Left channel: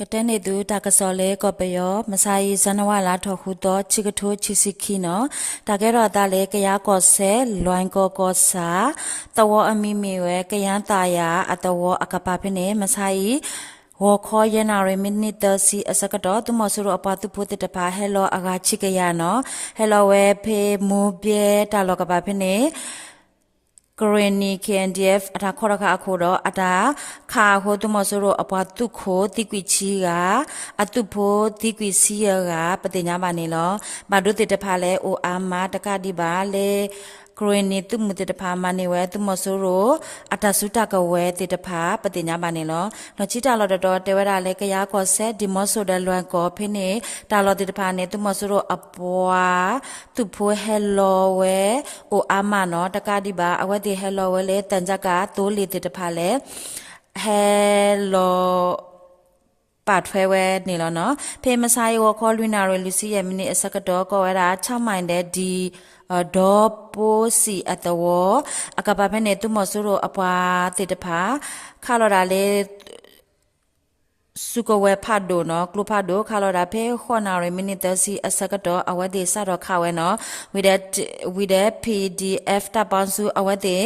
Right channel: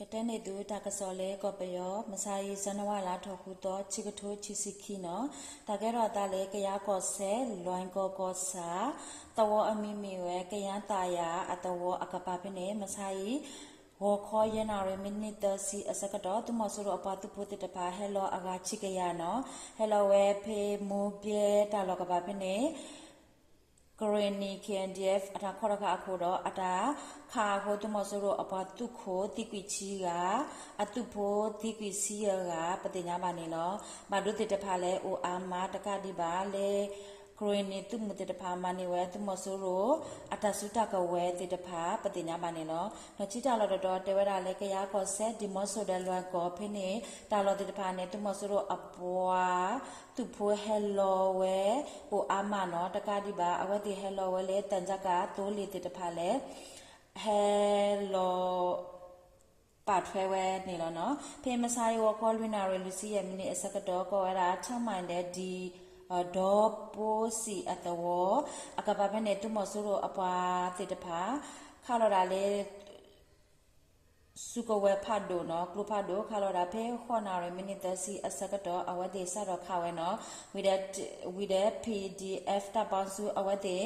ကတဲ့နေသူတာကစော်လဲကောပယောမဆိုင်ဇန်နဝါလာထော်ခုတော့ချီကထိုးချီစီခီနော်တာကဲတော့တာလဲကရကောဆဲလွိုင်းကောကောစာတဝအမိမီဝဲကရန်တာယာအတဝအကပဖနေမဆိုင်ဝခေါ်ရနာရမိနစ်တစီအစကတော့သူမဆူရအပတူဖို့တတပါဟဲလောအကချီကရနော်ဟဲလောဝဲဖေမူပြေတာလောကပဖနေกรณีKNDF အတာခေါ်ရခအခုတော့အတာခါဟိုတမဆိုတော့အပွားတုခိုတိကွီချီကအတုဖို့တိကွီစီရကပတိညာပါနေလောဘာတို့တတဖာလဲအိုအာမတကတိပါလေกรณีตุมุตตะพามาနေဝဲตุမဆိုရောအတဆုတကဝဲတတဖာပတိညာပါနေလောနော်ချီတာလော်တော်တဲဝဲတာလဲကရကောဆက်ဒီမဆိုဒလွန်ကောဖိနေတာလော်တတဖာနေตุမဆိုရောအပွားသူဖိုဟဲလောဝဲအိုအာမနော်တကတိပါအဝဲတိဟဲလောဝဲလဲတန်ကြကတိုးလီတတဖာလဲဟဲလောปัดเฟเวนี่แล้วเนาะเพมไซวอคอลุนาเรลูซี่ยมินิอสกดอก็ว่า6ไมล์เดดีดอโปစီအတဝအကပဖနဲ့သူမဆူရောအပွားတေတဖာခါလော်ဒါလေစုကဝဲဖတ်ဒိုနော်ကလုဖတ်ဒိုခါလော်ဒါဖေခေါနာရမိနစ်တစီအစကတော့အဝတ်ဒီစတော့ခါဝဲနော် with that PDF တပန်စုအဝတ်ဒီ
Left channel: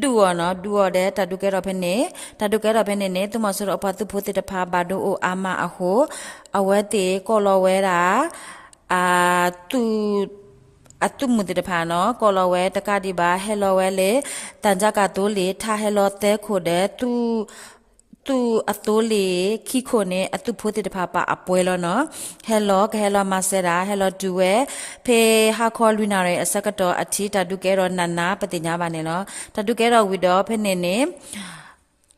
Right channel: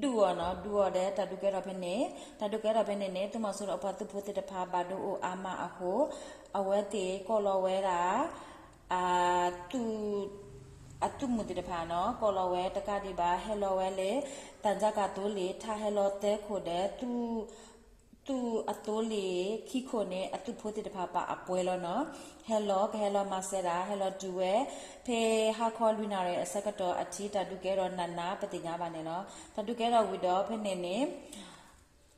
ဒူနော်ဒူရတဲ့တတုကဲတော့ဖနေနေသူမဆူရောအပွားသူဖို့တေတဖာဘာဒိုအိုအာမအဟိုအဝတ်ဒီကောလော်ဝဲတာအာသူအတုမှုတတဖာနော်ကောလော်ဝဲတကတိပါဟဲလော်ဝဲလေတန်ကြကတိုးလေထားဟဲလော်တဲခိုတဲ့သူအတိုးလေခိခိုနေအတုဖို့တတဖာပါအပွဲလောနော်ဟဲလော်မဆရာဟဲလော်ဒူဝဲဖေဟာခေါ်လူနာရဲ့အစကတော့အထီတတုကဲတော့နနာပတိညာပါနေနော်တတုကဲတော့ဝီတော့ဖနေနေ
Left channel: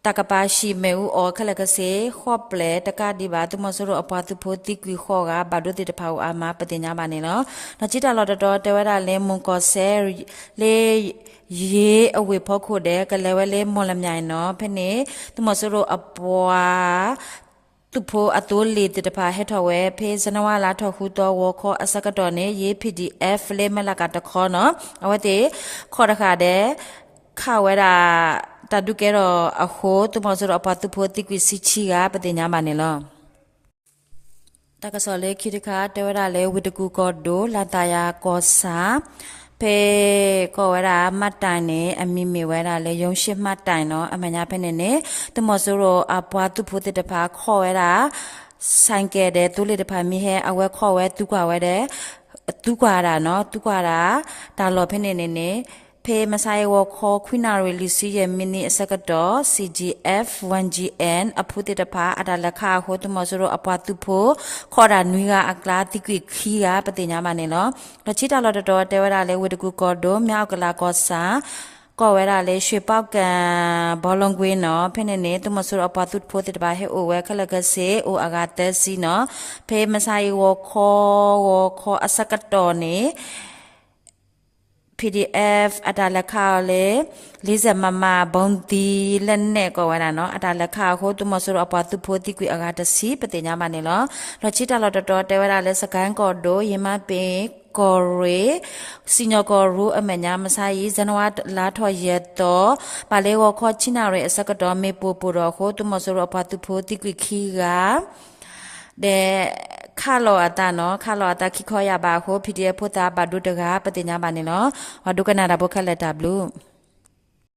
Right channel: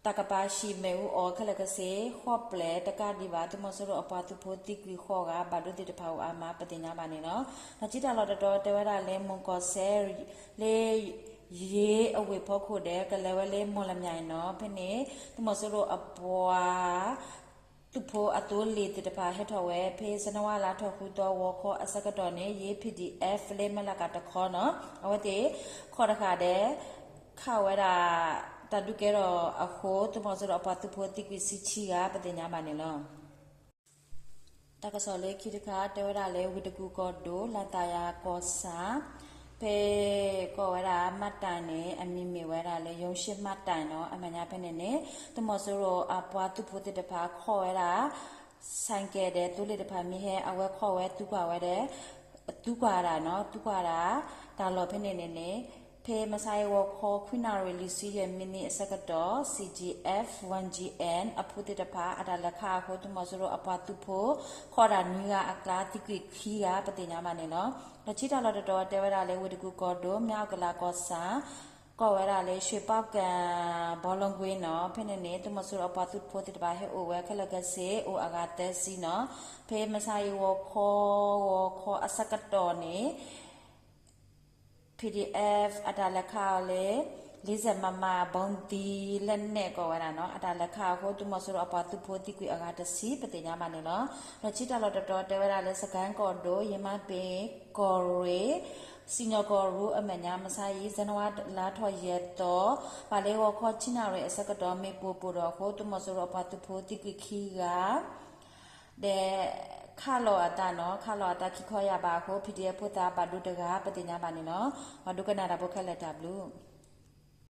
ตากปาชีเมอูออคละกะเสขอเปลตะกะดิบาตุมซโรอปาตุโพติกวีขอกะบาดติตะพาวอามาปติญญาบาเนเนาะนจิตาลอตตอเตวดาเลมุงกอเซเลเยอเวพอโคเดกะเลเวเลมอลมญายเนาะဖနေตุมซโรอปวาตุโพอตุลีติตะพาเฮทอเวเพสนวาลาทอคูตอวอขออสกตอเนเย PDF เลมละกะตะขอเนาะอวติขอตะคาเดခါဝဲတာတတုကဲတော့အခိုးသူမဆိုတော့အပတူဖို့တိကွစီချီကပတိညာမနေလောတကဆောလေခိတခါတဲဝရလေဝိတကူကောဒိုလာတယာကောစာဖေကောဝရမတ်တိုင်နေအမိမီဝဲတာလေယုံရှိမတ်တိုင်နော်အမညာဖနေနေသူမဆိုတော့အပွားသူဖို့တဖာခေါ်ဝဲတာဆိုင်ကဲတဲ့သူလေတဖာမိဟဲအဝဲခေါ်ဝဲသူကွာဝဲတဲ့သူကွာတာနော်သူကွာတာဒါလောဖနေနေဖေမဆိုင်ဝခေါ်ခွိနာရီလီစီရဲ့မီနီအစကတော့ CGF 1GN အဖုတေတဖာအတာလက်ခဟိုတမဆိုတော့အပွားသူဖို့ခေါ်တာနွေကအကလာတိကွခီကပတိညာမနေနော်လချီတာလော်တော်တဲဝရလေဝတကူကောဒိုမြောက်ကလာကောစာကောဝဲရလေရွှေပောက်ကန်ဘောလုံးကွင်းနော်ဖနေနေတမဆိုတော့အပွားသူဖို့တေတပါဟဲအိုဝဲခလကစေအိုအကတက်စီနော်ဖေမဆိုင်ဝခေါ်အစကတော့နေPDF အတာလက်ခါလေ40မမဘုံတီလက်နဲ့ကောဝါတာနော်အတာလက်ခါဟိုတူမဆိုတော့အပွားသူဖို့တိကွေအကာတစီပတိညာမနေလောလောချီတာလော်တော်တဲဝရလဲစကန်ကောဒိုယမပင်ကောရေစီညောကောရူအမညာမဆိုင်ဇန်နဝါလာထော်ရက်တော့ပါလေဝခေါ်ချီနာရဲအစကတော့မေပူပူတော့ဟိုတူမဆိုတော့အပွားသူဖို့တိကွေခီကတဲ့ခါလောအတာနော်ခါလောအတာခိခေါ်ရပါဟို PDF ဖို့တာဘာဒုတကပတိညာပါနေနော်ဝဒုကနာတာဘုခလက်တာဘလူး